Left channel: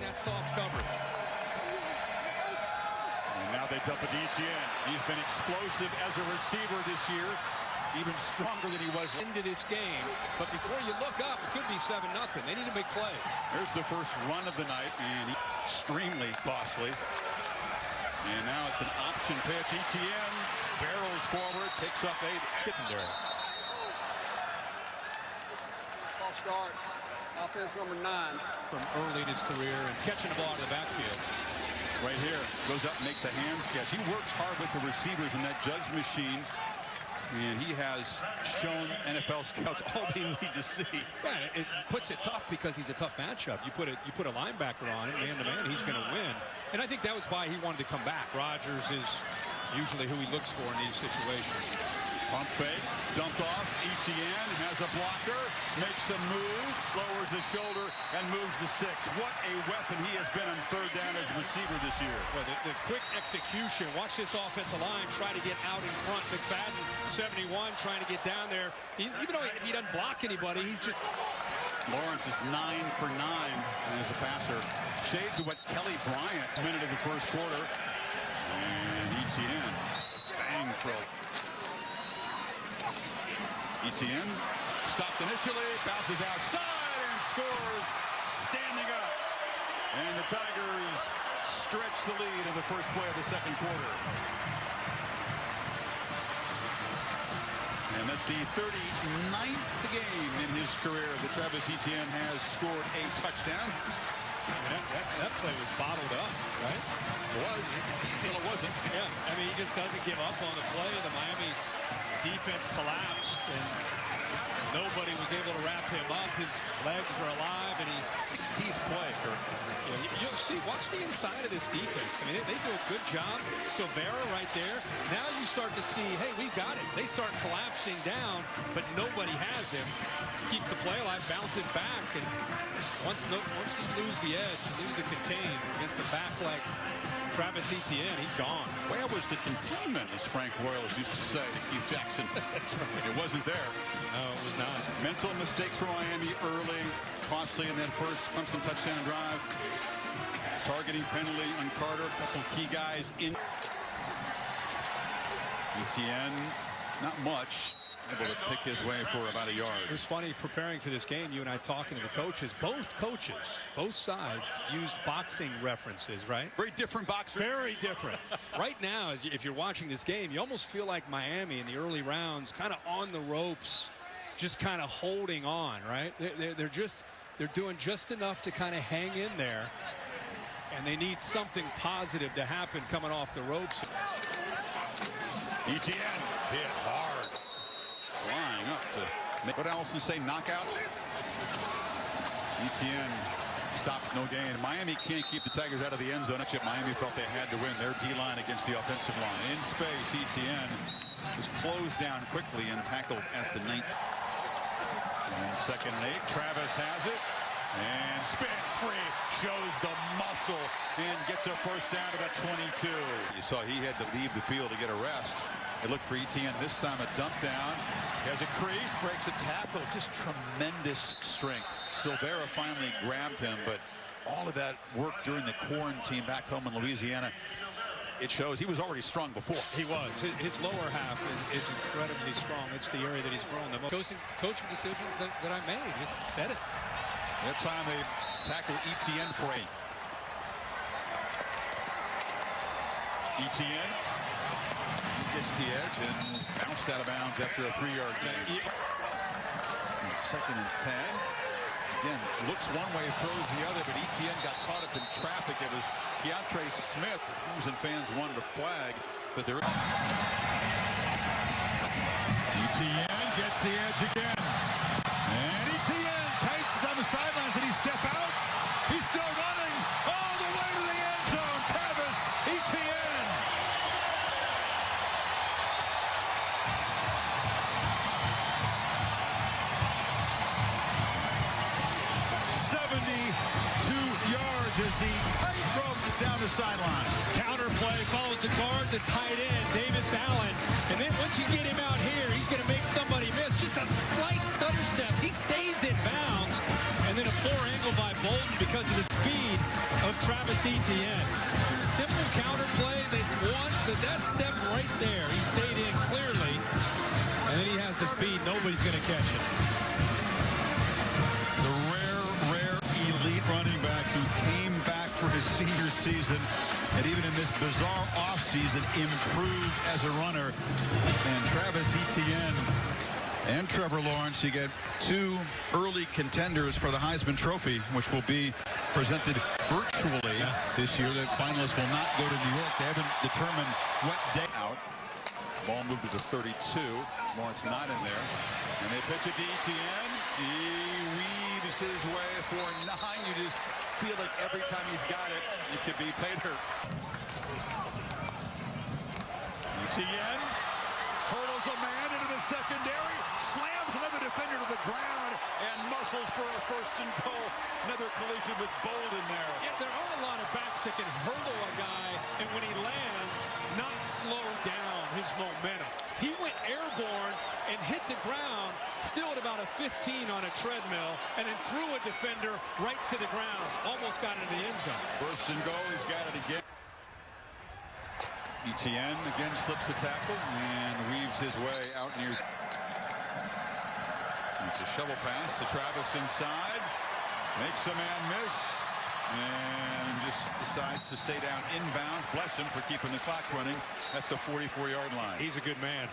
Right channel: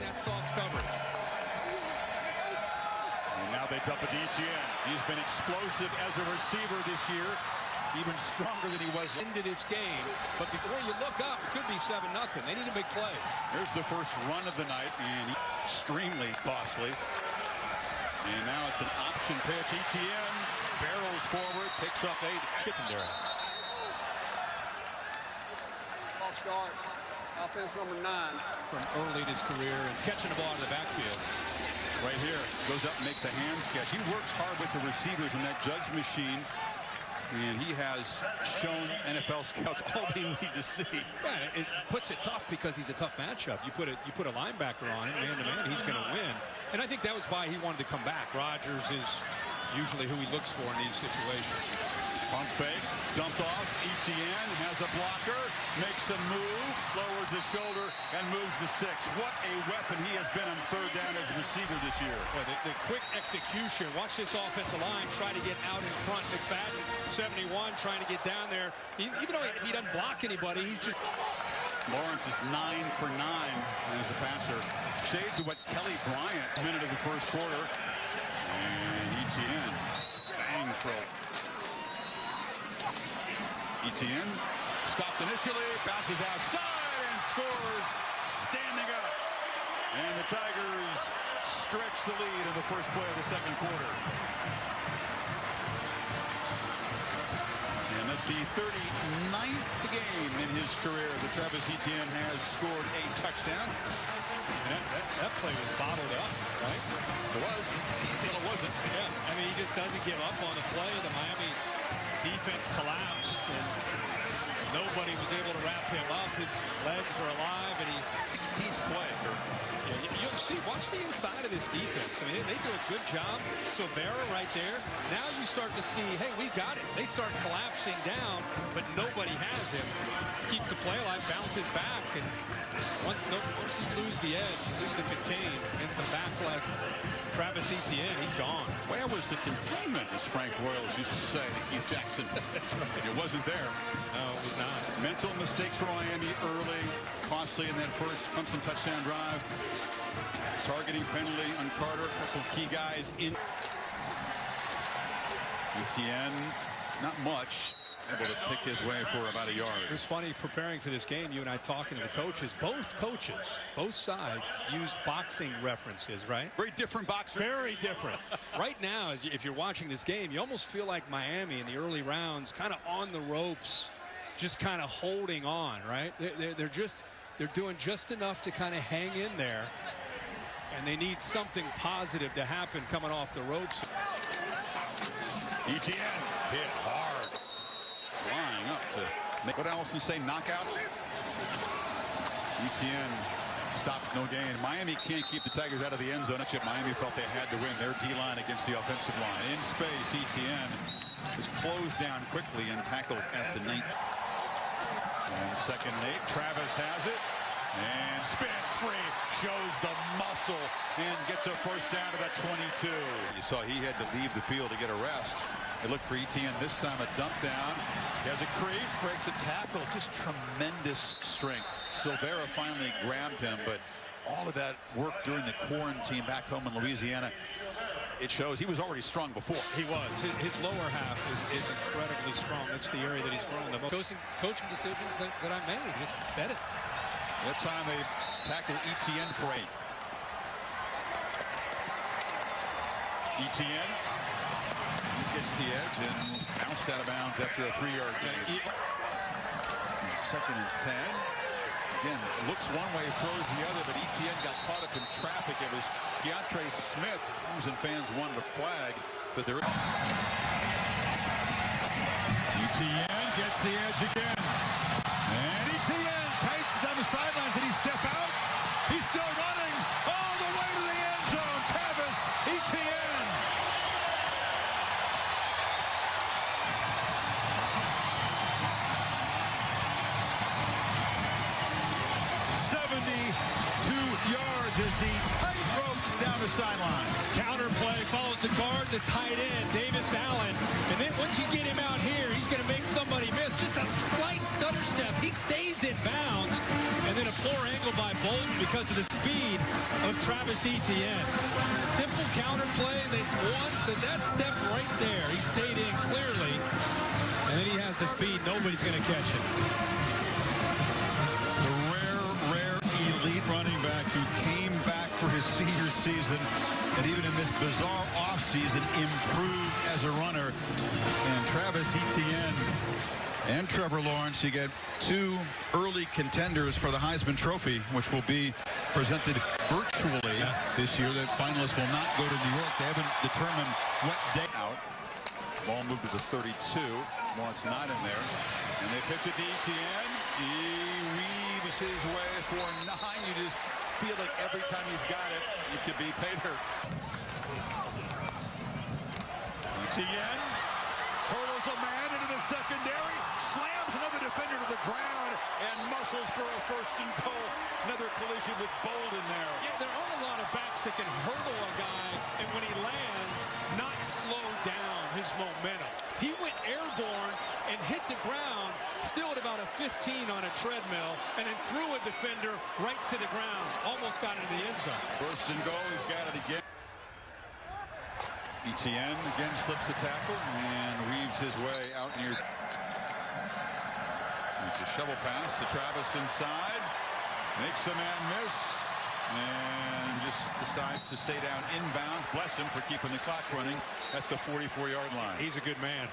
That soft coverage. And now they dump it to Etienne. He's been explosive as a receiver this year, even stronger than he was. Into this game, but before you look up, it could be 7-0. They need to make plays. There's the first run of the night, and extremely costly. And now it's an option pitch. Etienne barrels forward, picks up 8. Get them there. False start. Offense number 9. From early in his career and catching the ball out of the backfield. Right here, goes up, makes a hands catch. He works hard with the receivers in that Judge machine. And he has shown NFL scouts all they need to see. Yeah, it puts it tough because he's a tough matchup. You put a linebacker on him, man to man, he's going to win. And I think that was why he wanted to come back. Rodgers is usually who he looks for in these situations. Pump fake, dumped off. Etienne has a blocker, makes a move, lowers the shoulder, and moves the 6. What a weapon he has been on third down as a receiver this year. Boy, the quick execution. Watch this offensive line try to get out in front. McFadden, 71, trying to get down there. Even though if he doesn't block anybody, he's just... Lawrence is 9 for 9 as a passer. Shades of what Kelly Bryant, minute of the first quarter. And Etienne, bang throw. Etienne stopped initially, bounces outside, and scores standing up. And the Tigers stretch the lead in the first play of the second quarter. And that's the 39th game in his career that Travis Etienne has scored a touchdown. And that play was bottled up, right? It was, until it wasn't. Yeah, I mean, he just doesn't give up on the play. The Miami defense collapsed, and nobody was able to wrap him up. His legs are alive, and he... 16th play, Kirk. Yeah, you'll see. Watch the inside of this defense. I mean, they do a good job. Silvera right there. Now you start to see, hey, we've got him. They start collapsing down, but nobody has him. He keeps the play alive, bounces back, and once you lose the edge, you lose the contain against the back like Travis Etienne, he's gone. Where was the containment, as Frank Royals used to say to Keith Jackson? That's right. It wasn't there. No, it was not. Mental mistakes for Miami early, costly in that first Clemson touchdown drive. Targeting penalty on Carter, a couple key guys in. Etienne, not much, able to pick his way for about a yard. It was funny preparing for this game, you and I talking to the coaches. Both coaches, both sides used boxing references, right? Very different boxers. Very different. Right now, if you're watching this game, you almost feel like Miami in the early rounds, kind of on the ropes, just kind of holding on, right? They're doing just enough to kind of hang in there, and they need something positive to happen coming off the ropes. Etienne hit hard. Flying up to make what Allison say, knockout. Etienne stopped, no gain. Miami can't keep the Tigers out of the end zone. Yet Miami felt they had to win their D-line against the offensive line. In space, Etienne is closed down quickly and tackled at the 19. And 2nd and 8. Travis has it and spins free, shows the muscle, and gets a first down to the 22. You saw he had to leave the field to get a rest. They look for Etienne this time, a dump down. He has a crease, breaks a tackle. Just tremendous strength. Silvera finally grabbed him, but all of that work during the quarantine back home in Louisiana, it shows he was already strong before. He was. His lower half is incredibly strong. It's the area that he's grown. The most coaching decisions that I made, just said it. That time they tackle Etienne for 8. Etienne gets the edge and bounced out of bounds after a 3-yard gain. 2nd and 10. Again, looks one way, throws the other, but Etienne got caught up in traffic. It was Keontre Smith. The Clemson fans wanted a flag, but there. Etienne gets the edge again. And Etienne paces on the sidelines. Did he step out? He's still running all the way to the end zone. Travis Etienne. Yards as he tight ropes down the sidelines. Counter play, follows the guard, the tight end, Davis Allen. And then once you get him out here, he's going to make somebody miss. Just a slight stutter step. He stays in bounds. And then a poor angle by Bolden because of the speed of Travis Etienne. Simple counter play. They won that step right there. He stayed in clearly. And then he has the speed. Nobody's going to catch it. The rare elite running back who came back for his senior season and even in this bizarre offseason improved as a runner. And Travis Etienne and Trevor Lawrence, you get two early contenders for the Heisman Trophy, which will be presented virtually this year. The finalists will not go to New York. They haven't determined what day out. Ball moved to the 32. Lawrence not in there. And they pitch it to Etienne. He weaves his way for 9. You just feel like every time he's got it, it could be paid hurt. Etienne hurdles a man into the secondary, slams another defender to the ground, and muscles for a first and goal. Another collision with Bolden there. Yeah, there aren't a lot of backs that can hurdle a guy, and when he lands, not slow down his momentum. He went airborne and hit the ground, still at about a 15 on a treadmill, and then threw a defender right to the ground. Almost got into the end zone. First and goal, he's got it again. Etienne again slips the tackle and weaves his way out near. It's a shovel pass to Travis inside. Makes a man miss. And just decides to stay down inbounds. Bless him for keeping the clock running at the 44-yard line. He's a good man.